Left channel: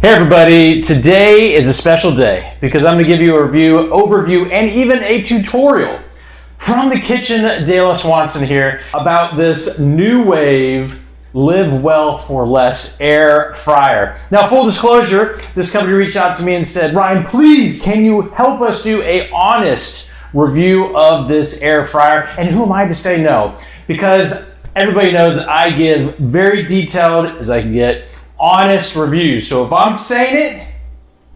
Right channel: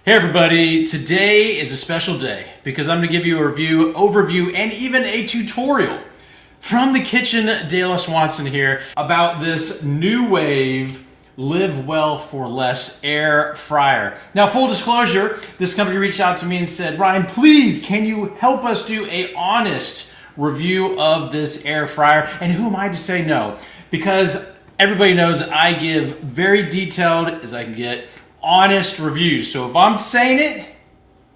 Hey everybody, today is a special day because I'm going to give you a review, overview, and even a tutorial from the kitchen de la Swanson here about this Nuwave Live Well for Less air fryer. Now, full disclosure, this company reached out to me and said, Ryan, please, can you help us do a honest review of this air fryer? And who am I to say no? Because everybody knows I give very detailed as I can get honest reviews. So if I'm saying it,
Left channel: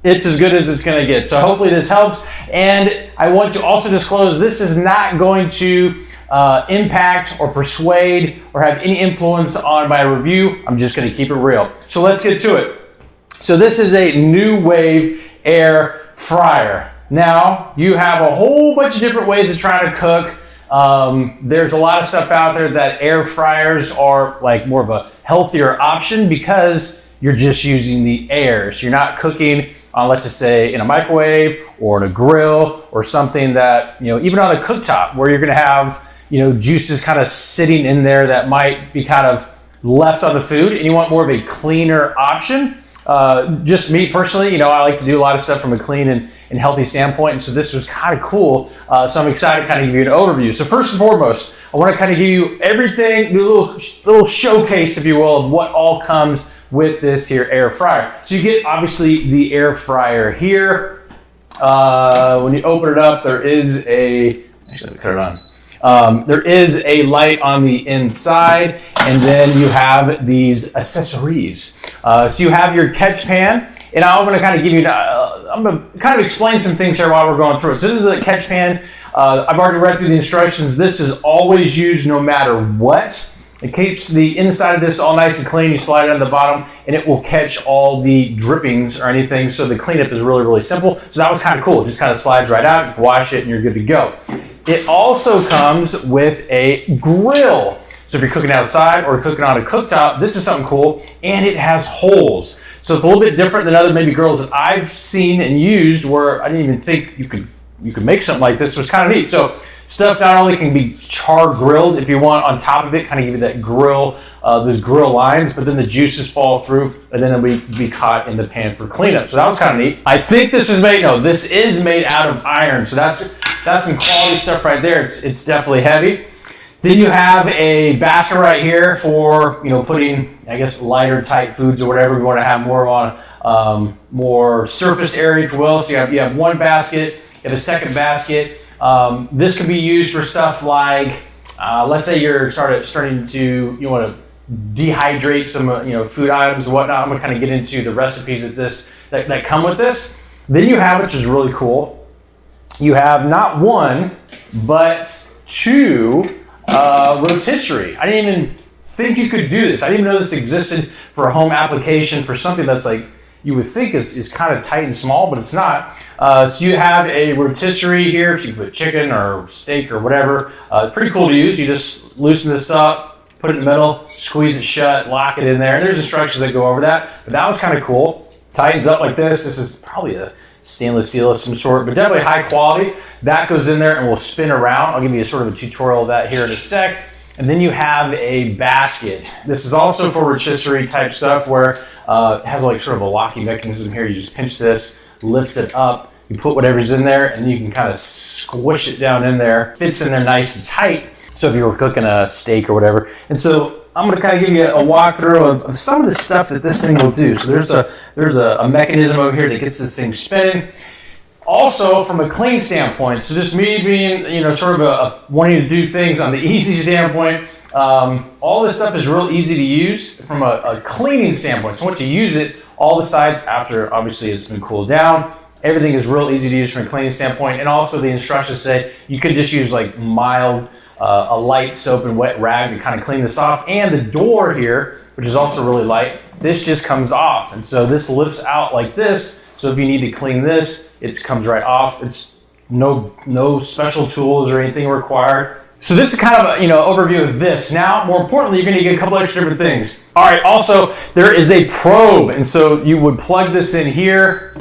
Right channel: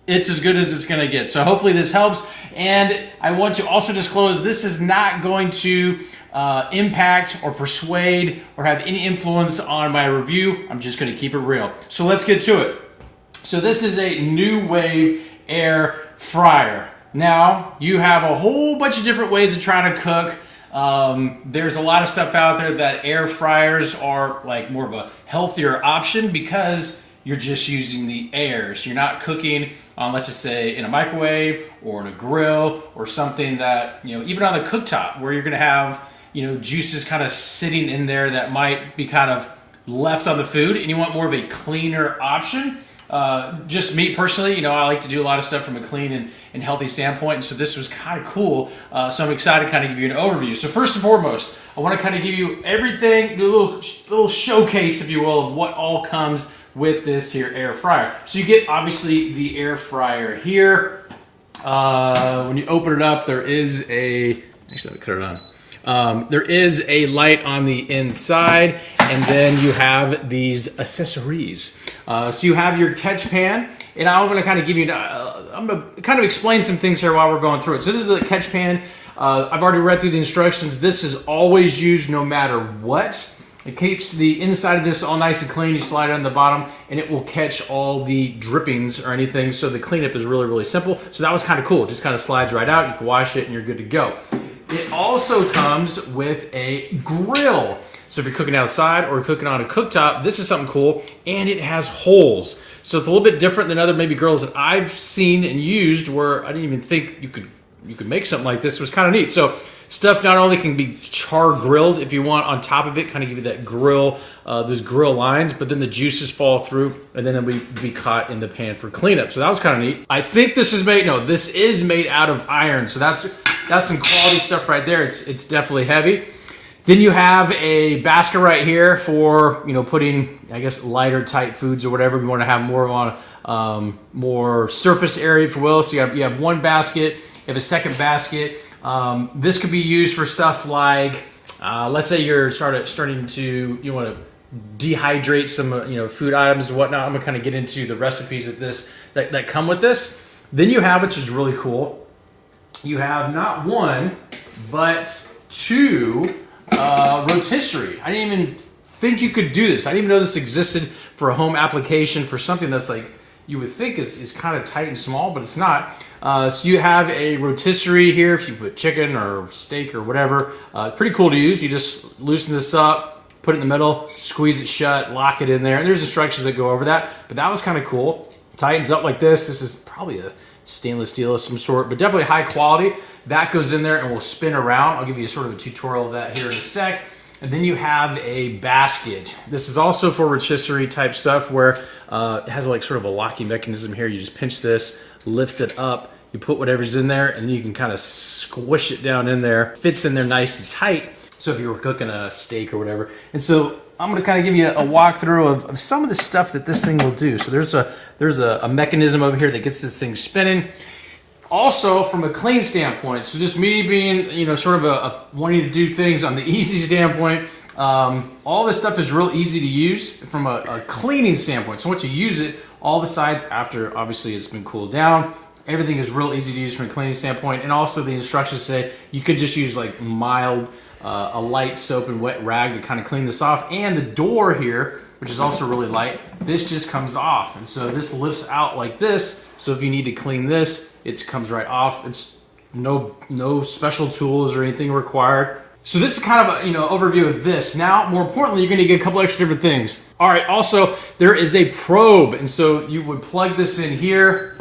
it's as good as it's going to get. So hopefully this helps. And I want to also disclose this is not going to impact or persuade or have any influence on my review. I'm just going to keep it real. So let's get to it. So this is a Nuwave air fryer. Now you have a whole bunch of different ways to try to cook. There's a lot of stuff out there that air fryers are like more of a healthier option because you're just using the air. So you're not cooking on, let's just say, in a microwave or in a grill or something that, even on a cooktop where you're going to have, juices kind of sitting in there that might be kind of left on the food, and you want more of a cleaner option. Just me personally, I like to do a lot of stuff from a clean and healthy standpoint, and so this was kind of cool. So I'm excited to kind of give you an overview. So first and foremost, I want to kind of give you everything, do a little showcase, if you will, of what all comes with this here air fryer. So you get, obviously, the air fryer here. When you open it up, there is a, actually, let me cut it on. There is a light on the inside, and then you have these accessories. So you have your catch pan, and I'm going to kind of give you, I'm going to kind of explain some things here while we're going through it. So this is a catch pan. I've already read through the instructions. This is always used no matter what. It keeps the inside of this all nice and clean. You slide it on the bottom, and it will catch all the drippings or anything. So the cleanup is really, really simple. So that was kind of cool. It just kind of slides right out. You can wash it, and you're good to go. It also comes with a grill. So if you're cooking outside or cooking on a cooktop, this is something cool, and it has holes. So it's a little bit different than other maybe grills that I've seen and used where I didn't even think you could make something like this. It was kind of neat. So stuff not only can be char grilled if you want on top of it, kind of give you that grill, those grill lines, but then the juices fall through and then it'll be caught in the pan for cleanup. So that was kind of neat. I think this is made out of iron. So that's some quality stuff right there. It's definitely heavy. Then you have a basket right here for, putting, I guess, lighter type foods or whatever we want to have more on, more surface area, if you will. So you have one basket, you have a second basket. This can be used for stuff like, let's say you're starting to, you want to dehydrate some, food items and whatnot. I'm going to kind of get into the recipes that come with this. Then you have, which is really cool, you have not one, but two rotisserie. I didn't even think you could do this. I didn't even know this existed for a home application for something that's like, you would think is kind of tight and small, but it's not. So you have a rotisserie here, if you put chicken or steak or whatever. Pretty cool to use. You just loosen this up, put it in the middle, squeeze it shut, lock it in there. There's instructions that go over that, but that was kind of cool. Tightens up like this. This is probably a stainless steel of some sort, but definitely high quality. That goes in there and will spin around. I'll give you a sort of a tutorial of that here in a sec. And then you have a basket. This is also for rotisserie type stuff where it has like sort of a locking mechanism here. You just pinch this, lift it up, you put whatever's in there, and then you can kind of squish it down in there. Fits in there nice and tight. So if you were cooking a steak or whatever. And so I'm going to kind of give you a walkthrough of some of the stuff that this thing will do. So there's a mechanism over here that gets this thing spinning. Also, from a clean standpoint, so just me being, sort of wanting to do things on the easy standpoint, all this stuff is real easy to use from a cleaning standpoint. So once you use it, all the sides after, obviously, it's been cooled down, everything is real easy to use from a cleaning standpoint. And also the instructions say you could just use like mild, a light soap and wet rag to kind of clean this off. And the door here, which is also really light, this just comes off. And so this lifts out like this. So if you need to clean this, it comes right off. It's no special tools or anything required. So this is kind of an overview of this. Now, more importantly, you're going to get a couple extra different things. All right, also, there is a probe. And so you would plug this in here.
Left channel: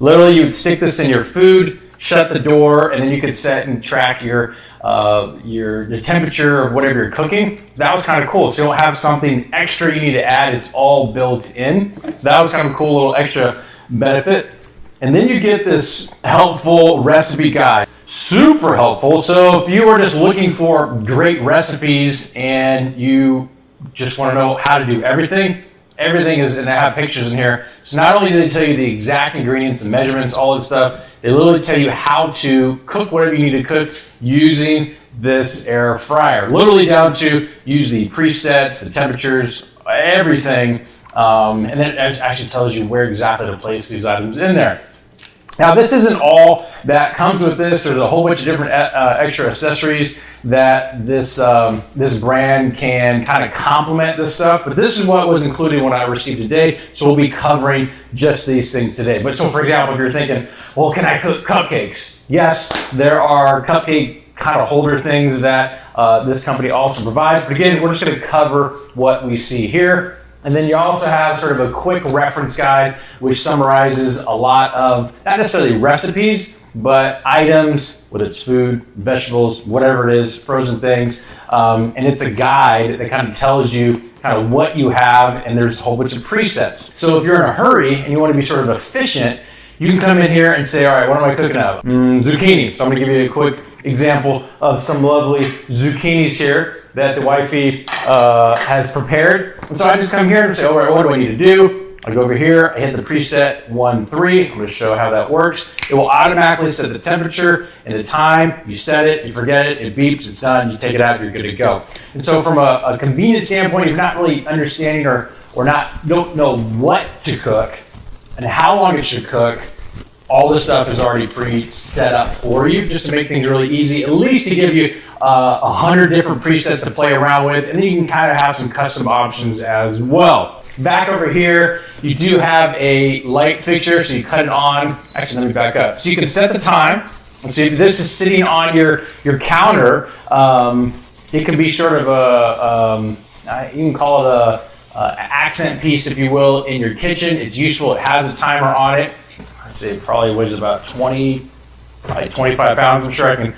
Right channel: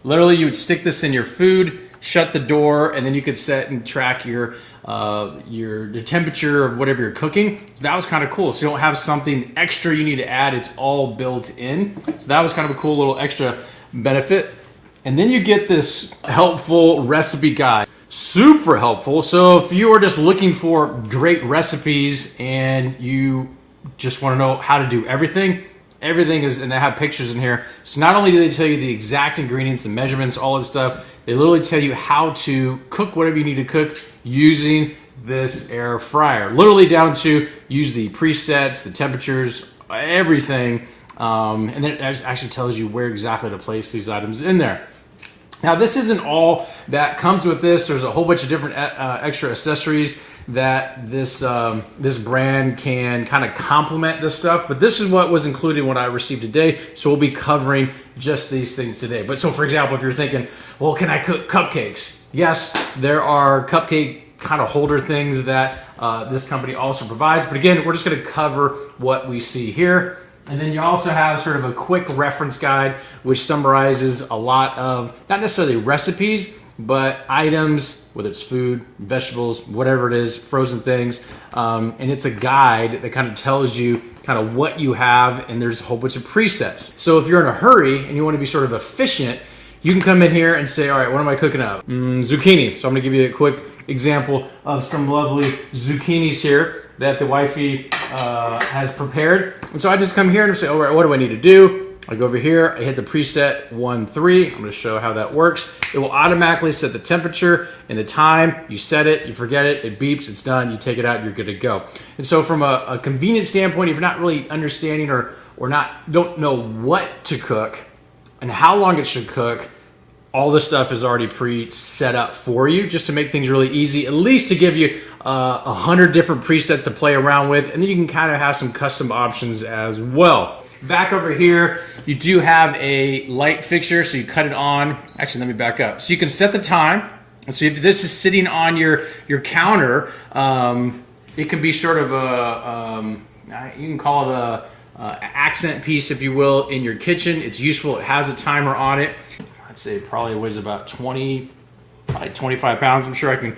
Literally, you would stick this in your food, shut the door, and then you could set and track the temperature of whatever you're cooking. That was kind of cool. So you don't have something extra you need to add. It's all built in. So that was kind of a cool little extra benefit. And then you get this helpful recipe guide. Super helpful. So if you were just looking for great recipes and you just want to know how to do everything is, and I have pictures in here. So not only do they tell you the exact ingredients, the measurements, all this stuff, they literally tell you how to cook whatever you need to cook using this air fryer. Literally down to use the presets, the temperatures, everything. And then it actually tells you where exactly to place these items in there. Now, this isn't all that comes with this. There's a whole bunch of different extra accessories that this brand can kind of complement this stuff. But this is what was included when I received today. So we'll be covering just these things today. But so, for example, if you're thinking, well, can I cook cupcakes? Yes, there are cupcake kind of holder things that this company also provides. But again, we're just going to cover what we see here. And then you also have sort of a quick reference guide, which summarizes a lot of, not necessarily recipes, but items, whether it's food, vegetables, whatever it is, frozen things. And it's a guide that kind of tells you kind of what you have, and there's a whole bunch of presets. So if you're in a hurry and you want to be sort of efficient, you can come in here and say, all right, what am I cooking up? Zucchini. So I'm going to give you a quick example of some lovely zucchinis here that the wifey has prepared. And so I just come here and say, all right, what do I need to do? I go over here, I hit the preset 1-3. I'm going to show how that works. It will automatically set the temperature and the time. You set it, you forget it, it beeps, it's done, you take it out, you're good to go. And so from a convenience standpoint, if you're not really understanding or don't know what to cook and how long it should cook, all this stuff is already pre-set up for you just to make things really easy, at least to give you 100 different presets to play around with, and then you can kind of have some custom options as well. Back over here, you do have a light fixture, so you cut it on. Actually, let me back up. So you can set the time. And so this is sitting on your counter. It could be sort of you can call it a accent piece, if you will, in your kitchen. It's useful. It has a timer on it. I'd say it probably weighs about 25 pounds. I'm sure I can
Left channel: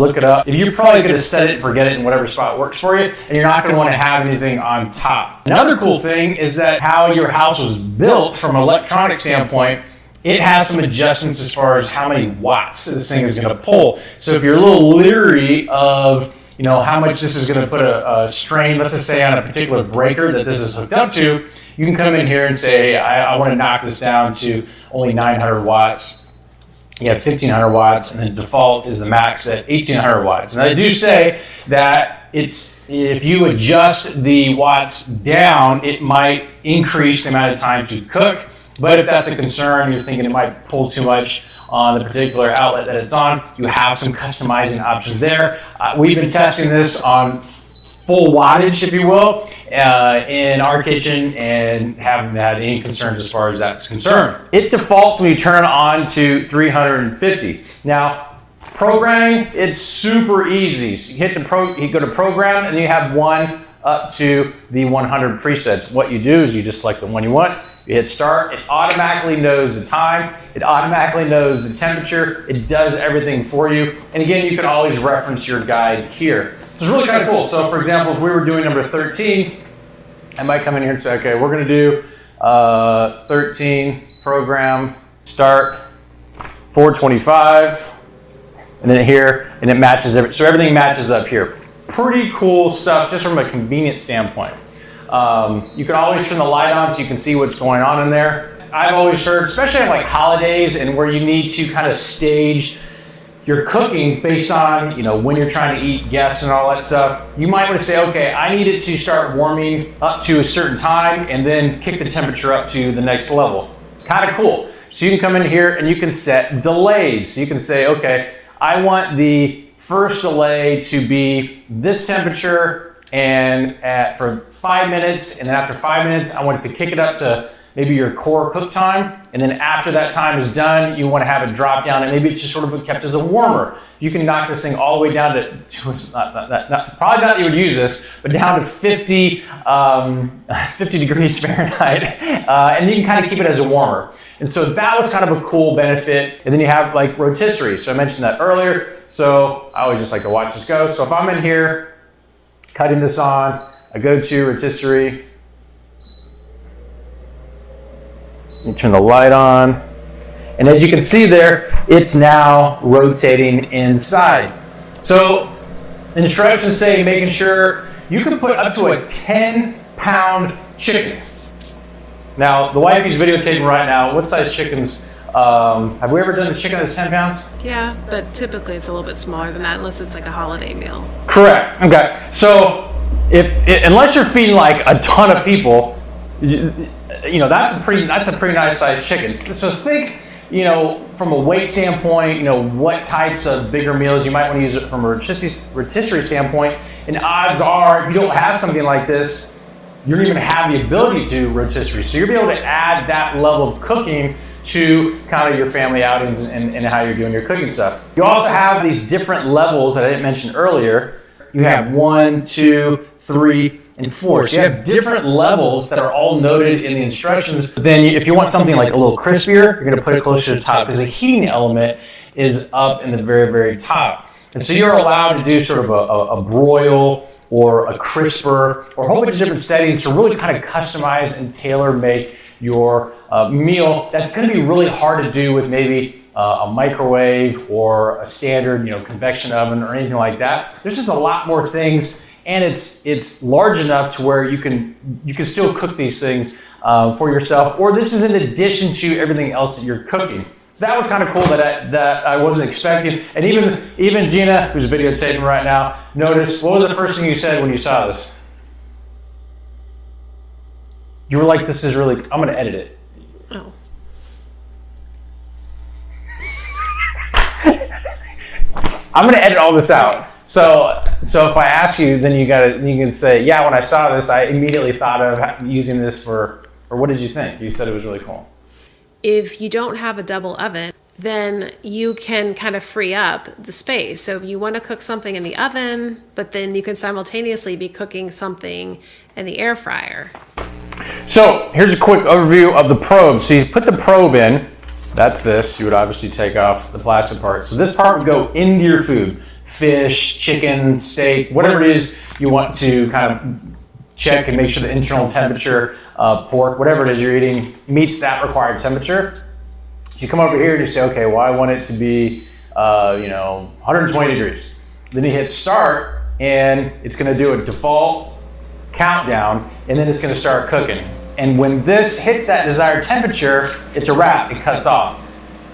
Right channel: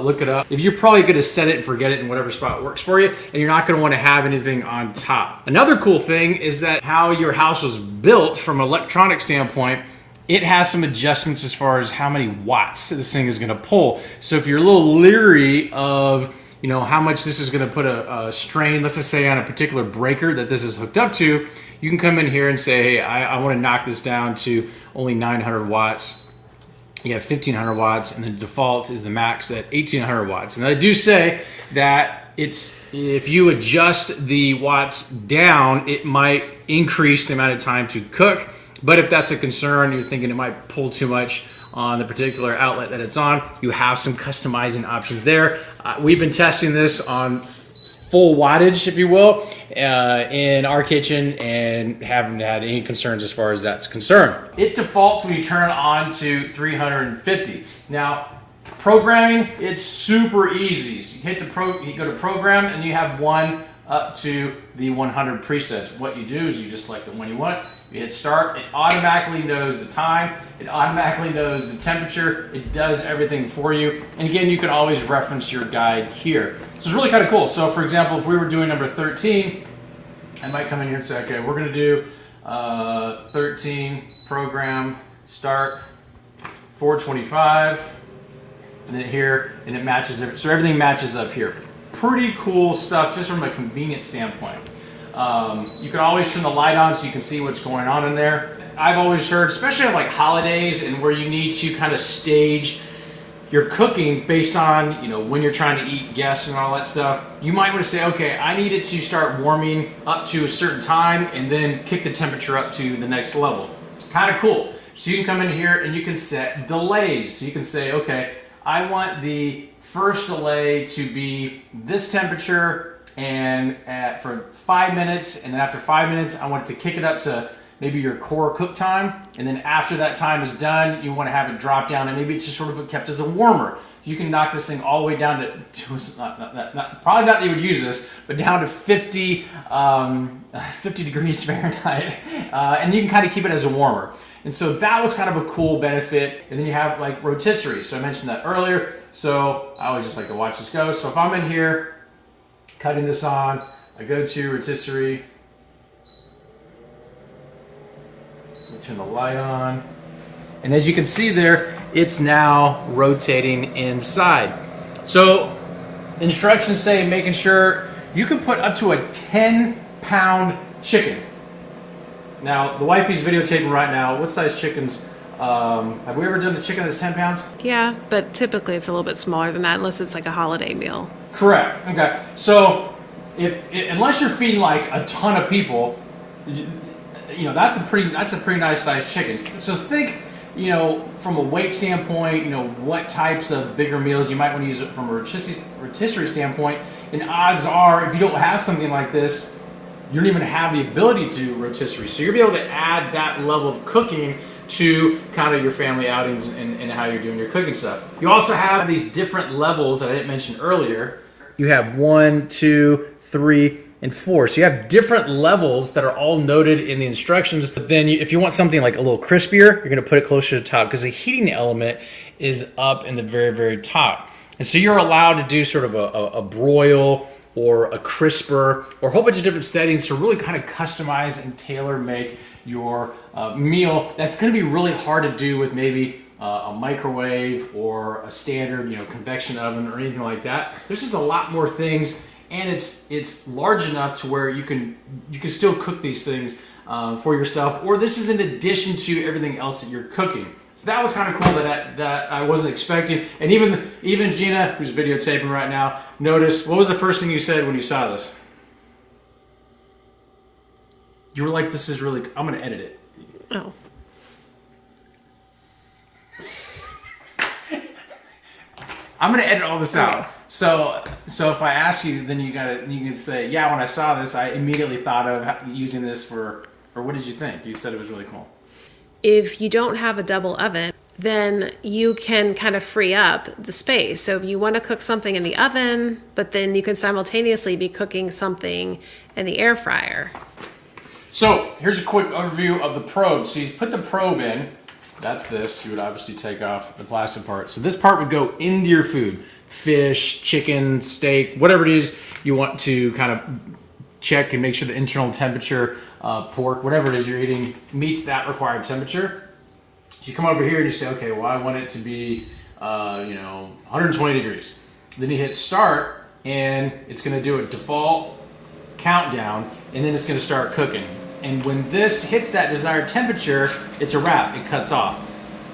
look it up. You're probably going to set it and forget it in whatever spot works for you, and you're not going to want to have anything on top. Another cool thing is that how your house was built from an electronic standpoint, it has some adjustments as far as how many watts this thing is going to pull. So if you're a little leery of how much this is going to put a strain, let's just say on a particular breaker that this is hooked up to, you can come in here and say, I want to knock this down to only 900 watts. You have 1500 watts, and then default is the max at 1800 watts. And I do say that if you adjust the watts down, it might increase the amount of time to cook. But if that's a concern, you're thinking it might pull too much on the particular outlet that it's on, you have some customizing options there. We've been testing this on full wattage, if you will, in our kitchen, and haven't had any concerns as far as that's concerned. It defaults when you turn it on to 350. Now, programming, it's super easy. So you go to program, and you have one up to the 100 presets. What you do is you just select the one you want, you hit start, it automatically knows the time, it automatically knows the temperature, it does everything for you. And again, you can always reference your guide here. So it's really kind of cool. So for example, if we were doing number 13, I might come in here and say, okay, we're going to do 13, program, start, 425, and then here, and it matches everything. So everything matches up here. Pretty cool stuff just from a convenience standpoint. You can always turn the light on so you can see what's going on in there. I've always heard, especially on like holidays and where you need to kind of stage your cooking based on when you're trying to eat guests and all that stuff, you might want to say, okay, I need it to start warming up to a certain time and then kick the temperature up to the next level. Kind of cool. So you can come in here and you can set delays. So you can say, okay, I want the first delay to be this temperature and for 5 minutes, and then after 5 minutes, I want it to kick it up to maybe your core cook time, and then after that time is done, you want to have it drop down, and maybe it's just sort of kept as a warmer. you can knock this thing all the way down to, probably not you would use this, but down to 50 degrees Fahrenheit, and you can kind of keep it as a warmer. And so that was kind of a cool benefit. And then you have like rotisserie. So I mentioned that earlier. So I always just like to watch this go. So if I'm in here, cutting this on, I go to rotisserie. You turn the light on. And as you can see there, it's now rotating inside. So instructions say making sure you can put up to a 10-pound chicken. Now, the wife is videotaping right now. What size chickens? Have we ever done a chicken that's 10 pounds? Yeah, but typically it's a little bit smaller than that unless it's like a holiday meal. Correct. Okay. So, unless you're feeding like a ton of people, that's a pretty nice sized chicken. So think, from a weight standpoint, what types of bigger meals you might want to use it from a rotisserie standpoint. And odds are, if you don't have something like this, you don't even have the ability to rotisserie. So you're going to be able to add that level of cooking to kind of your family outings and how you're doing your cooking stuff. You also have these different levels that I didn't mention earlier. You have 1, 2, 3, and 4. So you have different levels that are all noted in the instructions. But then if you want something like a little crispier, you're going to put it closer to the top because the heating element is up in the very, very top. And so you're allowed to do sort of a broil or a crisper or a whole bunch of different settings to really kind of customize and tailor make your meal. That's going to be really hard to do with maybe a microwave or a standard, convection oven or anything like that. There's just a lot more things, and it's large enough to where you can still cook these things for yourself, or this is in addition to everything else that you're cooking. So that was kind of cool that I wasn't expecting. And even Gina, who's videotaping right now, noticed, what was the first thing you said when you saw this? You were like, this is really, I'm going to edit it. Oh. I'm going to edit all this out. So if I ask you, then you can say, yeah, when I saw this, I immediately thought of using this or what did you think? You said it was really cool. If you don't have a double oven, then you can kind of free up the space. So if you want to cook something in the oven, but then you can simultaneously be cooking something in the air fryer. So here's a quick overview of the probe. So you put the probe in, that's this. You would obviously take off the plastic part. So this part would go into your food, fish, chicken, steak, whatever it is you want to kind of check and make sure the internal temperature, pork, whatever it is you're eating, meets that required temperature. So you come over here and you say, okay, well, I want it to be, 120 degrees. Then you hit start, and it's going to do a default countdown, and then it's going to start cooking. And when this hits that desired temperature, it's a wrap. It cuts off.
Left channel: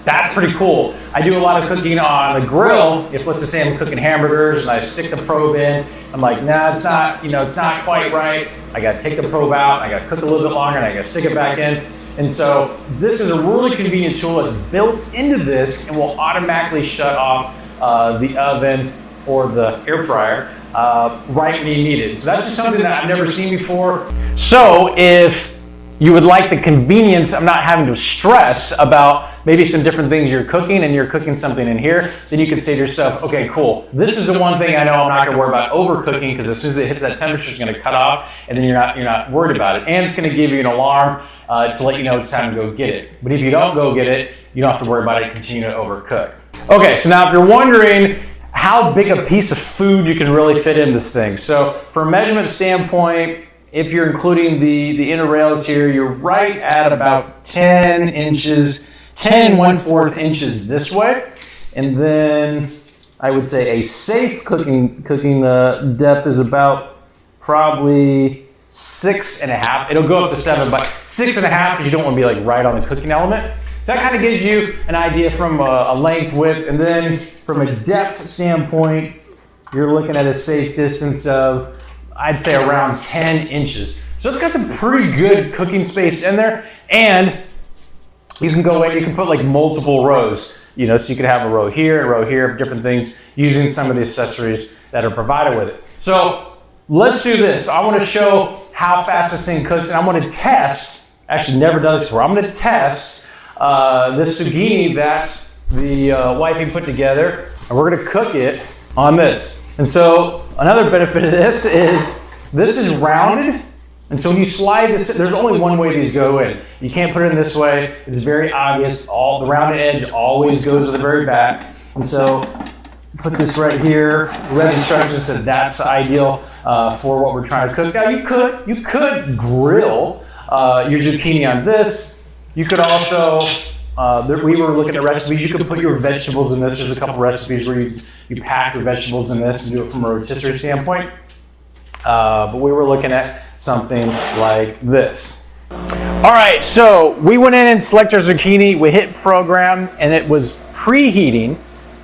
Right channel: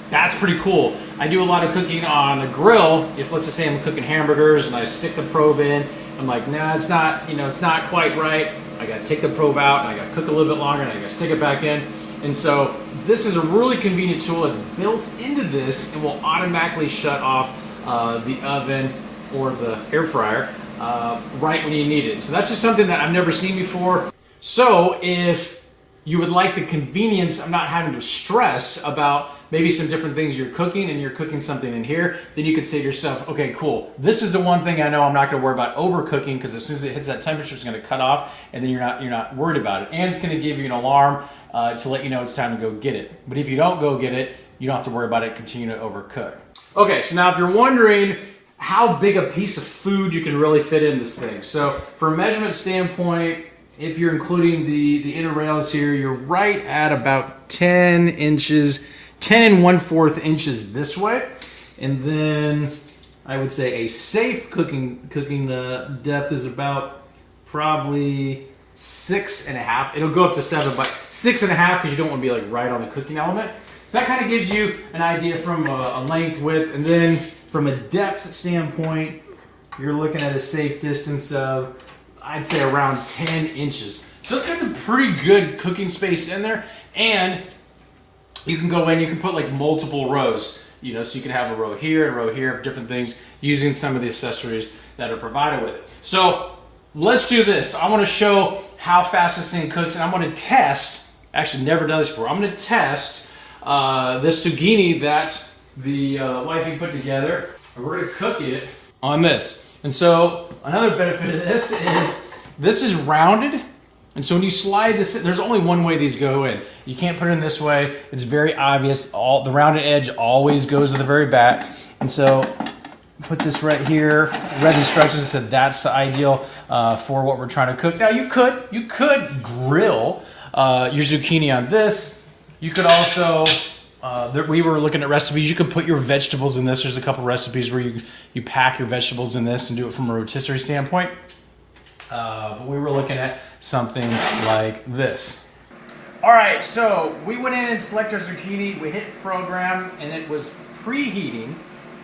That's pretty cool. I do a lot of cooking on the grill. If let's say I'm cooking hamburgers and I stick the probe in, I'm like, nah, it's not, it's not quite right. I got to take the probe out. I got to cook it a little bit longer, and I got to stick it back in. And so this is a really convenient tool that's built into this and will automatically shut off the oven or the air fryer right when you need it. So that's just something that I've never seen before. So if you would like the convenience of not having to stress about maybe some different things you're cooking and you're cooking something in here, then you can say to yourself, okay, cool. This is the one thing I know I'm not going to worry about overcooking because as soon as it hits that temperature, it's going to cut off and then you're not worried about it. And it's going to give you an alarm to let you know it's time to go get it. But if you don't go get it, you don't have to worry about it and continue to overcook. Okay, so now if you're wondering how big a piece of food you can really fit in this thing. So from a measurement standpoint, if you're including the inner rails here, you're right at about 10 inches, 10 1/4 inches this way. And then I would say a safe cooking depth is about probably 6.5. It'll go up to 7, but 6.5 because you don't want to be like right on the cooking element. So that kind of gives you an idea from a length, width, and then from a depth standpoint, you're looking at a safe distance of, I'd say, around 10 inches. So it's got some pretty good cooking space in there, and you can go in, you can put like multiple rows, so you could have a row here, different things, using some of the accessories that are provided with it. So let's do this. I want to show how fast this thing cooks, and I'm going to test, actually never done this before, I'm going to test this zucchini that the wifey put together. and we're gonna cook it on this. And so another benefit of this is rounded. And so when you slide this, there's only one way these go in. You can't put it in this way. It's very obvious. All the rounded edge always goes to the very back. And so put this right here. We read instructions said that's ideal for what we're trying to cook. Now you could grill your zucchini on this. You could also, we were looking at recipes. You could put your vegetables in this. There's a couple recipes where you pack your vegetables in this and do it from a rotisserie standpoint. But we were looking at something like this. All right, so we went in and selected our zucchini. We hit program, and it was preheating.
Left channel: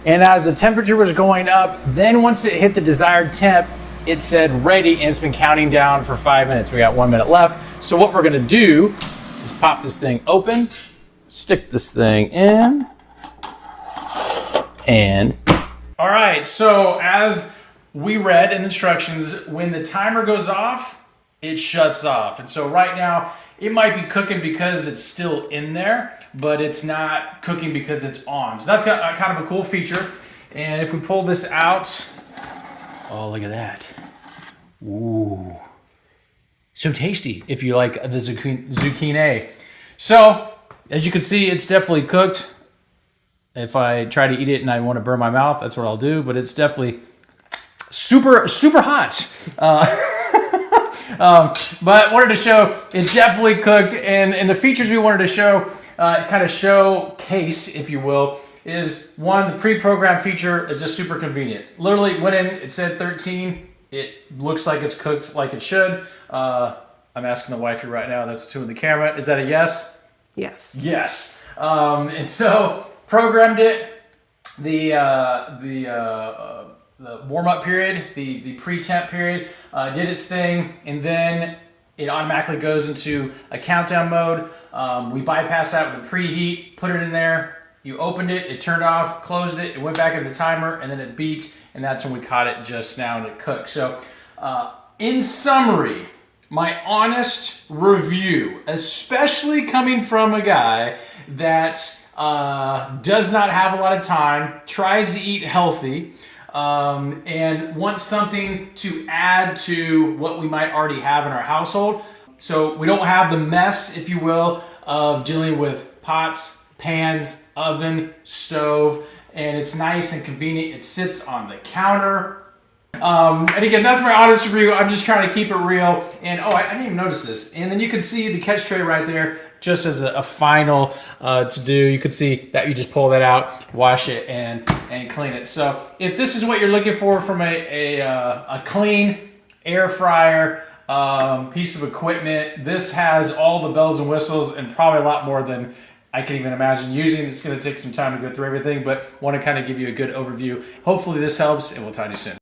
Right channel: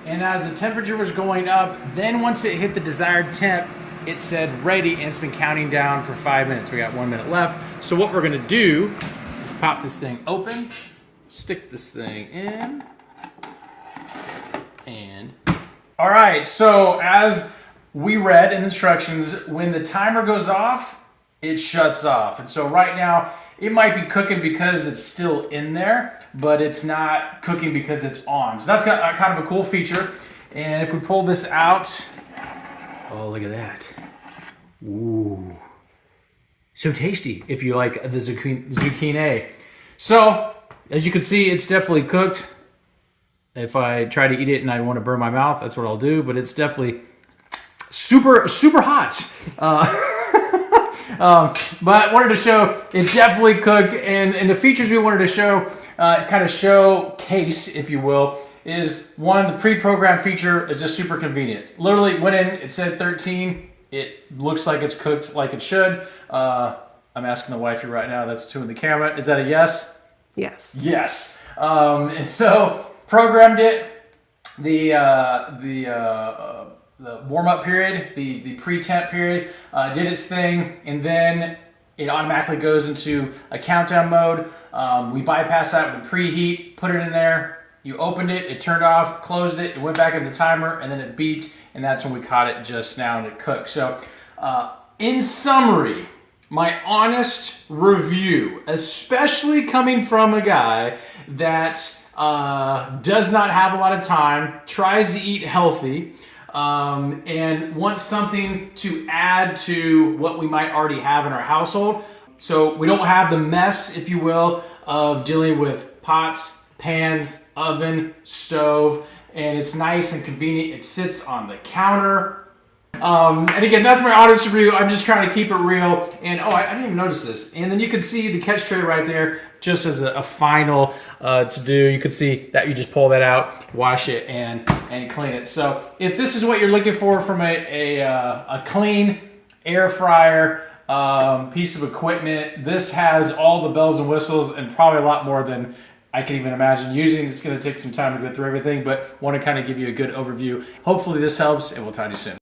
And as the temperature was going up, then once it hit the desired temp, it said ready, and it's been counting down for 5 minutes. We got 1 minute left. So what we're gonna do is pop this thing open, stick this thing in, and all right, so as we read in instructions, when the timer goes off, it shuts off. And so right now, it might be cooking because it's still in there, but it's not cooking because it's on. So that's got kind of a cool feature. And if we pull this out, oh, look at that. Ooh. So tasty if you like the zucchini. So, as you can see, it's definitely cooked. If I try to eat it and I want to burn my mouth, that's what I'll do, but it's definitely super hot. But wanted to show it's definitely cooked, and the features we wanted to show, kind of showcase, if you will, is one, the pre-programmed feature is just super convenient. Literally went in, it said 13, it looks like it's cooked like it should. I'm asking the wifey right now, that's 2 in the camera. Is that a yes? Yes. Yes. And so programmed it, the warm-up period, the pre-temp period, did its thing, and then it automatically goes into a countdown mode. We bypassed that with the preheat, put it in there, you opened it, it turned off, closed it, it went back into the timer, and then it beeped, and that's when we caught it just now and it cooked. So in summary, my honest review, especially coming from a guy that does not have a lot of time, tries to eat healthy, and wants something to add to what we might already have in our household. So we don't have the mess, if you will, of dealing with pots, pans, oven, stove, and it's nice and convenient. It sits on the counter. And again, that's my honest review. I'm just trying to keep it real. And oh, I didn't even notice this. And then you can see the catch tray right there, just as a final to do. You can see that you just pull that out, wash it, and clean it. So if this is what you're looking for from a clean air fryer piece of equipment, this has all the bells and whistles and probably a lot more than I can even imagine using. It's going to take some time to go through everything, but want to kind of give you a good overview. Hopefully this helps, and we'll talk to you soon.